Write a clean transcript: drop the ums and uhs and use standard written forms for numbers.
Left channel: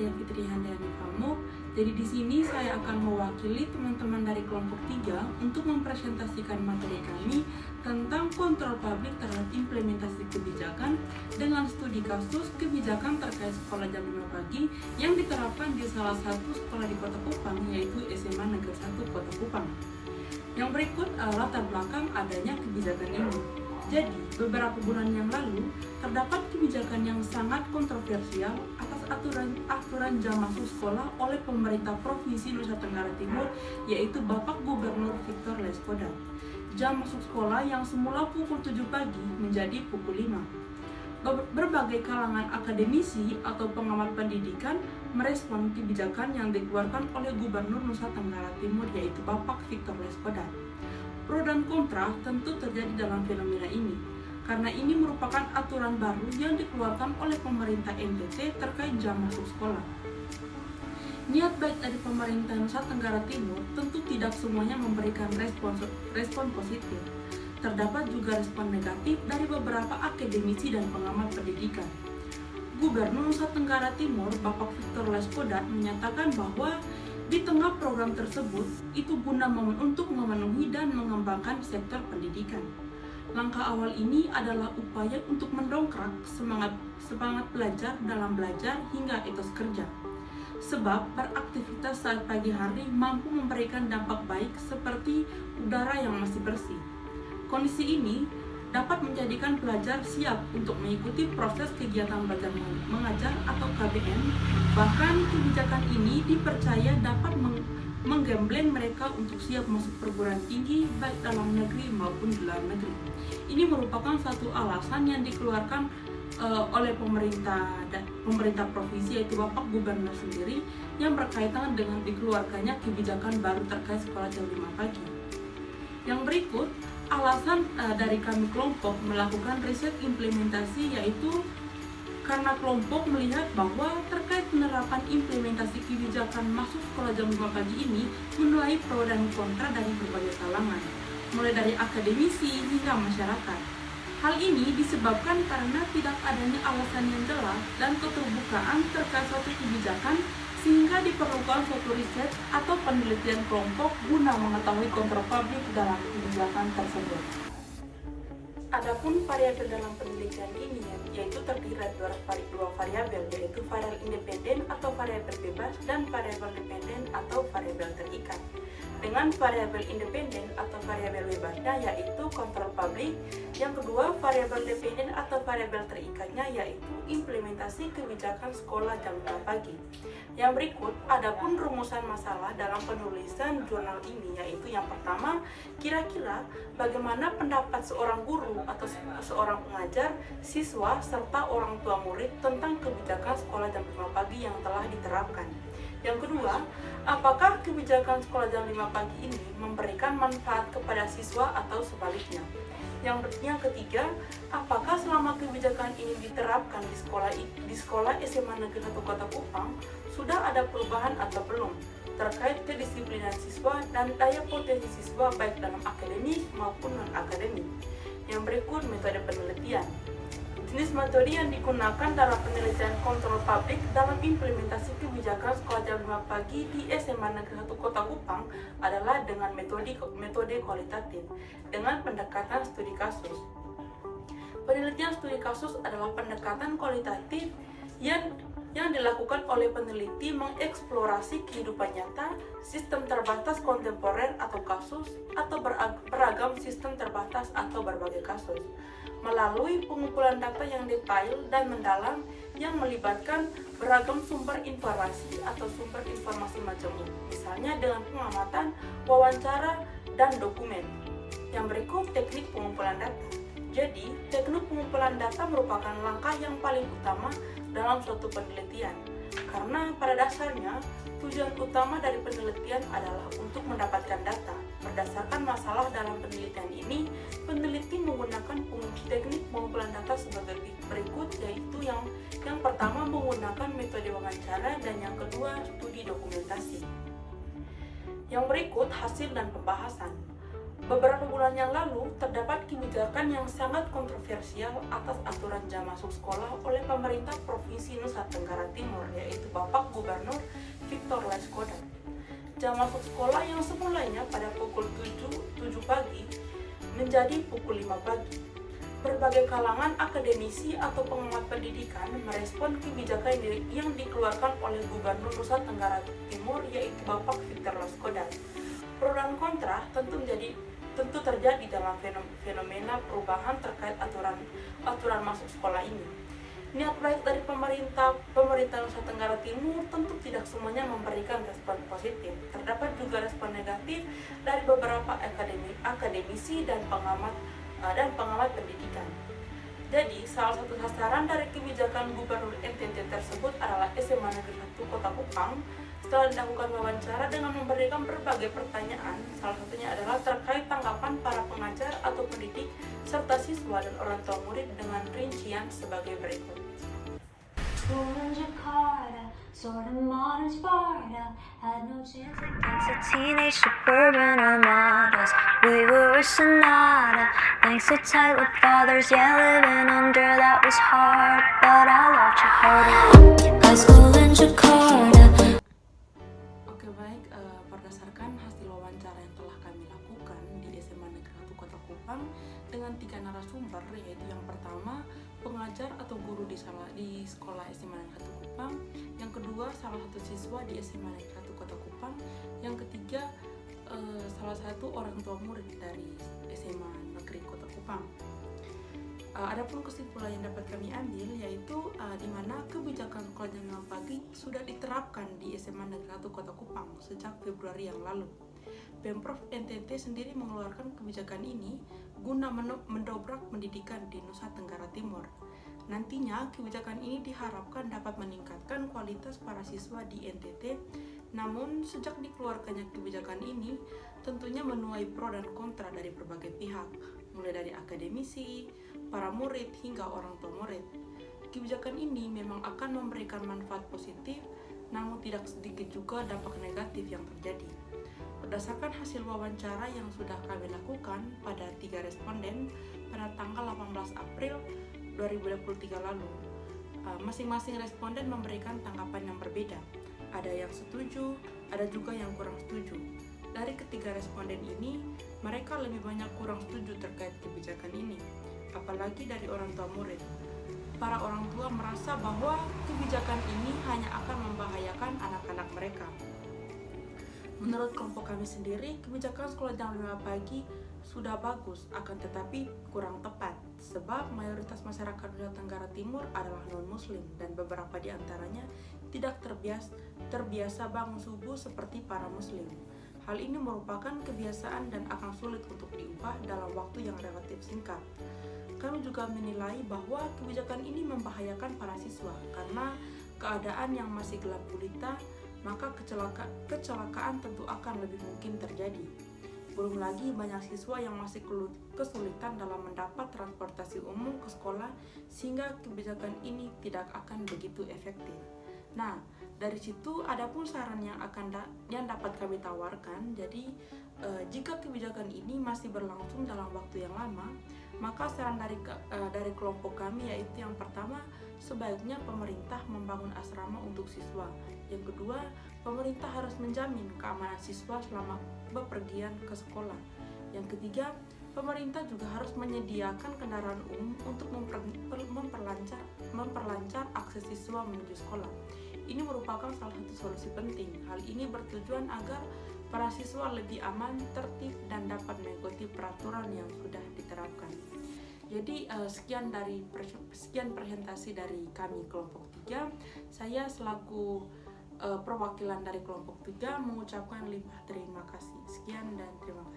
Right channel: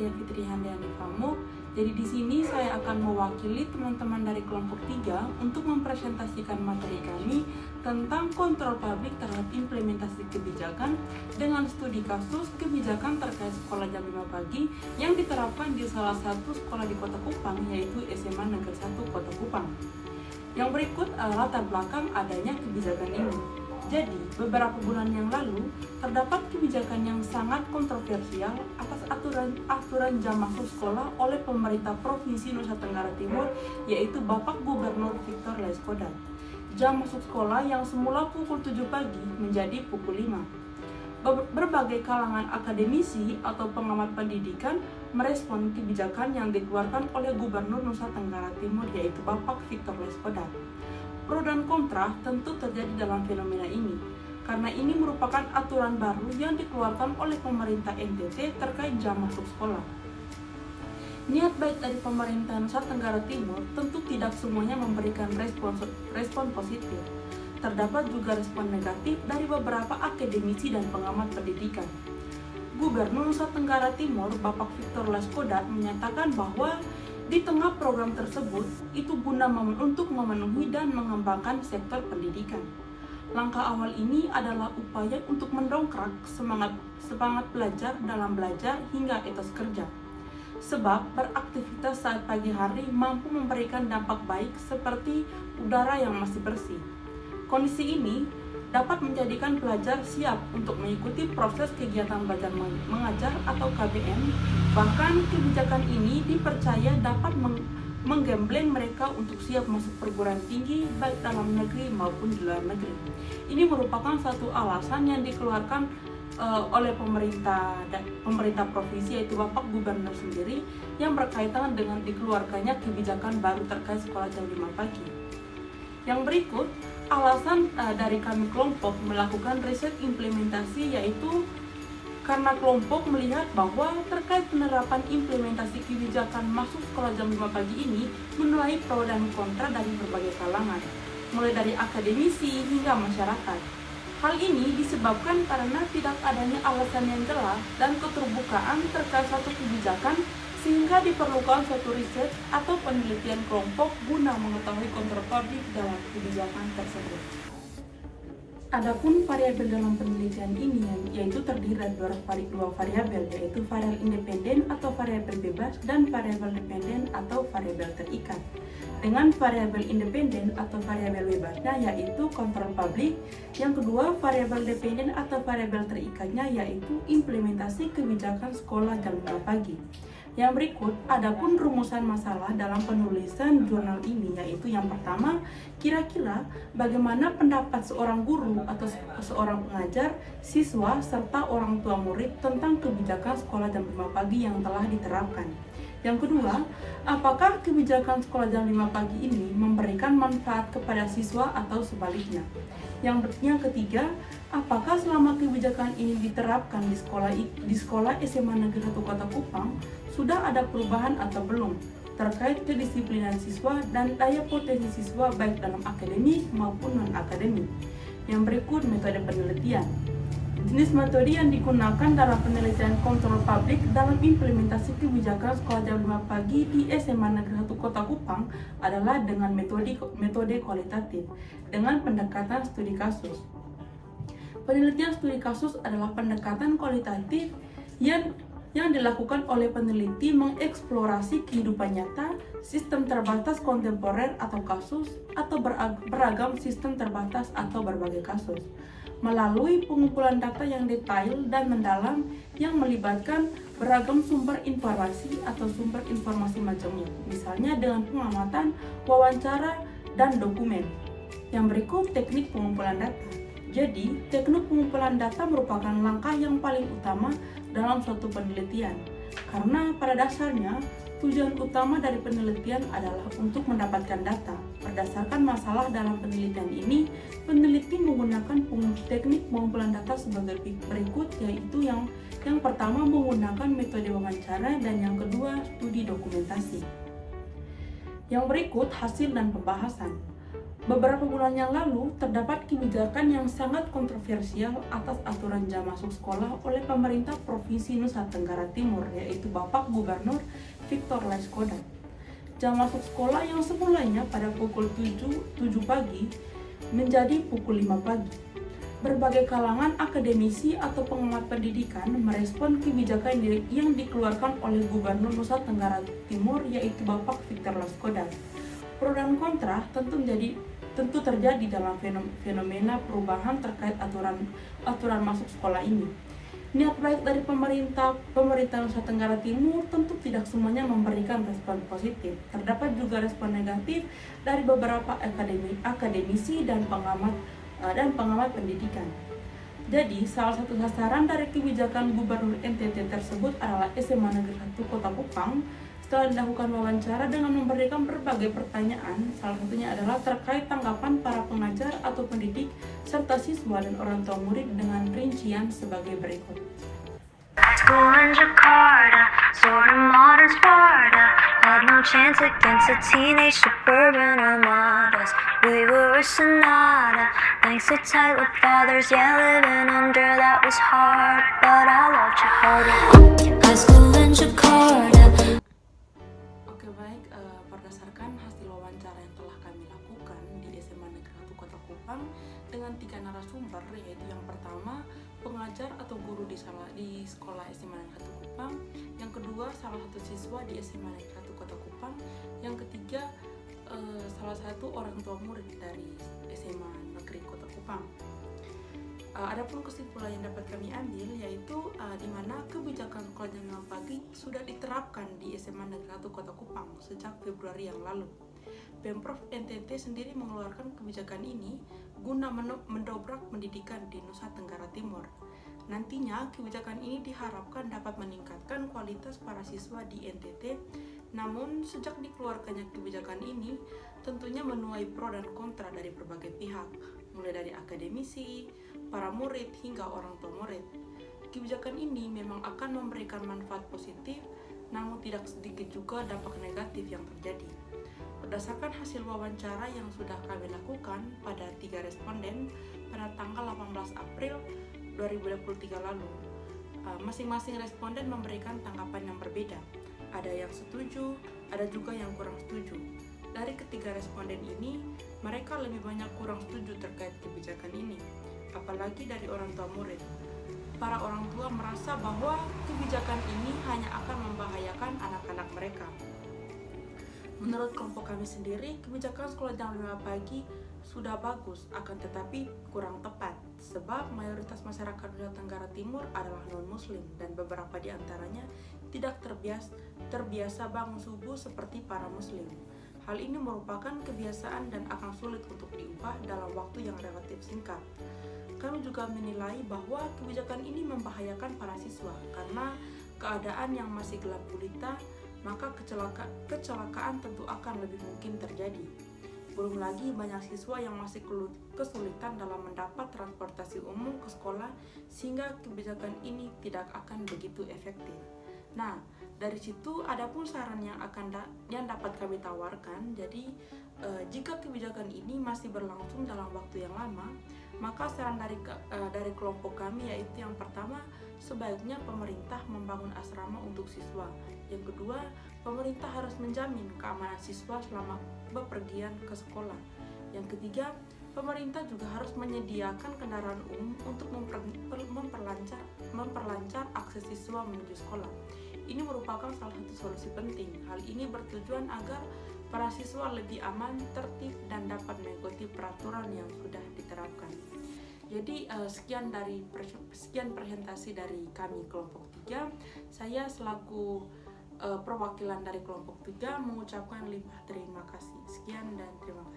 Nadia Fitri Handayani Pramuk. Jadi di sini saya akan mewakili teman-teman dari kelompok 3 untuk mempresentasikan materi kami tentang kontrol publik terhadap implementasi kebijakan dengan studi kasus kebijakan terkait sekolah jam 5 pagi yang diterapkan di salah satu sekolah di Kota Kupang, yaitu SMA Negeri 1 Kota Kupang. Yang berikut adalah latar belakang adanya kebijakan ini. Jadi, beberapa bulan yang lalu, terdapat kebijakan yang sangat kontroversial atas aturan jam masuk sekolah oleh pemerintah Provinsi Nusa Tenggara Timur, yaitu Bapak Gubernur Victor Laiskodat. Jam masuk sekolah yang semula pukul 7 pagi menjadi pukul 5. Berbagai kalangan akademisi atau pengamat pendidikan merespon kebijakan yang dikeluarkan oleh Gubernur Nusa Tenggara Timur, yaitu Bapak Victor Laiskodat. Pro dan kontra tentu terjadi dalam fenomena ini, karena ini merupakan aturan baru yang dikeluarkan oleh pemerintah NTT terkait jam masuk sekolah. Niat baik dari pemerintah Nusa Tenggara Timur tentu tidak semuanya memberikan respon positif. Terdapat juga respon negatif dari beberapa akademisi dan pengamat pendidikan. Gubernur Nusa Tenggara Timur, Bapak Victor Laiskodat, menyatakan bahwa di tengah program tersebut, itu guna untuk memenuhi dan mengembangkan sektor pendidikan. Langkah awal ini adalah upaya untuk mendongkrak semangat pelajar dalam belajar hingga etos kerja. Sebab beraktivitas saat pagi hari mampu memberikan dampak baik seperti udara yang masih bersih. Kondisi ini dapat menjadikan pelajar siap untuk mengikuti proses kegiatan belajar mengajar atau KBM. Bahkan kebijakan ini dipercaya dapat menggembleng mereka untuk siap masuk perguruan tinggi baik dalam negeri maupun di luar negeri. Ini merupakan satu alasan yang dikeluarkan oleh pemerintah provinsi, yaitu Bapak Gubernur sendiri, yang berkaitan dengan dikeluarkannya kebijakan baru terkait sekolah jam 5 pagi. Yang berikut, alasan dari kami kelompok melakukan riset implementasi, yaitu karena kelompok melihat bahwa terkait penerapan implementasi kebijakan masuk sekolah jam 5 pagi ini menuai pro dan kontra dari berbagai kalangan, mulai dari akademisi hingga masyarakat. Hal ini disebabkan karena tidak adanya alasan yang jelas dan keterbukaan terkait suatu kebijakan, sehingga diperlukan suatu riset atau penelitian kelompok guna mengetahui kontrol publik dalam kebijakan tersebut. Adapun variabel dalam penelitian ini yaitu terdiri dari dua variabel, yaitu variabel independen atau variabel bebas dan variabel dependen atau variabel terikat. Dengan variabel independen atau variabel bebasnya yaitu kontrol publik, yang kedua variabel dependen atau variabel terikatnya yaitu implementasi kebijakan sekolah jam 5 pagi. Yang berikut, adapun rumusan masalah dalam penulisan jurnal ini, yaitu yang pertama, kira-kira bagaimana pendapat seorang guru atau seorang pengajar, siswa, serta orang tua murid tentang kebijakan sekolah jam 5 pagi yang telah diterapkan. Yang kedua, apakah kebijakan sekolah jam 5 pagi ini memberikan manfaat kepada siswa atau sebaliknya? Yang ketiga, apakah selama kebijakan ini diterapkan di sekolah SMA Negeri 1 Kota Kupang sudah ada perubahan atau belum terkait kedisiplinan siswa dan daya potensi siswa baik dalam akademik maupun non-akademik. Yang berikut, metode penelitian. Jenis metode yang digunakan dalam penelitian kontrol publik dalam implementasi kebijakan sekolah jam 5 pagi di SMA Negeri 1 Kota Kupang adalah dengan metode kualitatif dengan pendekatan studi kasus. Penelitian studi kasus adalah pendekatan kualitatif yang dilakukan oleh peneliti mengeksplorasi kehidupan nyata, sistem terbatas kontemporer atau kasus, atau beragam sistem terbatas atau berbagai kasus, melalui pengumpulan data yang detail dan mendalam yang melibatkan beragam sumber informasi atau sumber informasi macamnya, misalnya dengan pengamatan, wawancara, dan dokumen. Yang berikut, teknik pengumpulan data. Jadi, teknik pengumpulan data merupakan langkah yang paling utama dalam suatu penelitian, karena pada dasarnya tujuan utama dari penelitian adalah untuk mendapatkan data. Berdasarkan masalah dalam penelitian ini, peneliti menggunakan teknik pengumpulan data sebagai berikut, yaitu yang pertama menggunakan metode wawancara dan yang kedua studi dokumentasi. Yang berikut, hasil dan pembahasan. Beberapa bulan yang lalu, terdapat kebijakan yang sangat kontroversial atas aturan jam masuk sekolah oleh pemerintah Provinsi Nusa Tenggara Timur, yaitu Bapak jam masuk sekolah yang semulanya pada pukul 7 pagi menjadi pukul 5 pagi. Berbagai kalangan akademisi atau pengamat pendidikan merespon kebijakan yang dikeluarkan oleh Gubernur Nusa Tenggara Timur, yaitu Bapak Victor Laiskodat. Pro dan kontra tentu terjadi dalam fenomena perubahan terkait aturan masuk sekolah ini. Niat baik dari pemerintah Nusa Tenggara Timur tentu tidak semuanya memberikan respon positif. Terdapat juga respon negatif dari beberapa akademisi dan pengamat pendidikan. Jadi, salah satu sasaran dari kebijakan Gubernur NTT tersebut adalah SMA Negeri 1 Kota Kupang. Setelah dilakukan wawancara dengan memberikan berbagai pertanyaan, salah satunya adalah terkait tanggapan para pengajar atau pendidik serta siswa dan orang tua murid dengan rincian sebagai berikut. School in Jakarta, sort of modern Sparta, had no chance against the teenage suburban armadas. We were a sonata, thanks to tight-lipped fathers. Yeah, living under that was hard, but I loved you harder. High school in Jakarta. Oke, baik, berdasarkan hasil wawancara yang telah kami lakukan di SMA Negeri 1 Kota Kupang dengan 3 narasumber, yaitu yang pertama pengajar atau guru di sekolah SMA Negeri 1 Kupang, yang kedua salah satu siswa di SMA Negeri 1 Kota Kupang, yang ketiga salah satu orang tua murid dari SMA Negeri Kota Kupang. Adapun kesimpulan yang dapat kami ambil yaitu di mana kebijakan sekolah jam 5 pagi sudah diterapkan di SMA Negeri 1 Kota Kupang sejak Februari yang lalu. Pemprov NTT sendiri mengeluarkan kebijakan ini guna mendobrak pendidikan di Nusa Tenggara Timur. Nantinya kebijakan ini diharapkan dapat meningkatkan kualitas para siswa di NTT. Namun sejak dikeluarkannya kebijakan ini tentunya menuai pro dan kontra dari berbagai pihak, mulai dari akademisi, para murid hingga orang tua murid. Kebijakan ini memang akan memberikan manfaat positif, namun tidak sedikit juga dampak negatif yang terjadi. Berdasarkan hasil wawancara yang sudah kami lakukan pada 3 responden pada tanggal 18 April 2023 lalu, masing-masing responden memberikan tanggapan yang berbeda. Ada yang setuju, ada juga yang kurang setuju. Dari ketiga responden ini, mereka lebih banyak kurang setuju terkait kebijakan ini, apalagi dari orang tua murid. Para orang tua merasa bahwa kebijakan ini hanya akan membahayakan anak-anak mereka. Menurut kelompok kami sendiri, kebijakan sekolah jam 5 pagi sudah bagus, akan tetapi kurang tepat, sebab mayoritas masyarakat Nusa Tenggara Timur adalah non-muslim dan beberapa di antaranya tidak terbiasa bangun subuh seperti para muslim. Hal ini merupakan kebiasaan dan akan sulit untuk diubah dalam waktu yang relatif singkat. Kami juga menilai bahwa kebijakan ini membahayakan para siswa karena keadaan yang masih gelap gulita, maka kecelakaan tentu akan lebih mungkin terjadi. Belum lagi banyak siswa yang masih kesulitan dalam mendapat transportasi umum ke sekolah, sehingga kebijakan ini tidak akan begitu efektif. Nah, dari situ adapun saran yang dapat kami tawarkan. Jadi jika kebijakan ini masih berlangsung dalam waktu yang lama, maka saran dari kelompok kami yaitu yang pertama, sebaiknya pemerintah membangun asrama untuk siswa. Yang kedua, pemerintah harus menjamin keamanan siswa selama bepergian ke sekolah. Yang ketiga, pemerintah juga harus menyediakan kendaraan umum untuk memperlancar akses siswa menuju sekolah. Ini merupakan salah satu solusi penting. Hal ini bertujuan agar para siswa lebih aman, tertib, dan dapat mengikuti peraturan yang sudah diterapkan. Jadi sekian presentasi dari kami kelompok 3. Saya selaku perwakilan dari kelompok 3 mengucapkan limpah terima kasih. Sekian dan terima kasih.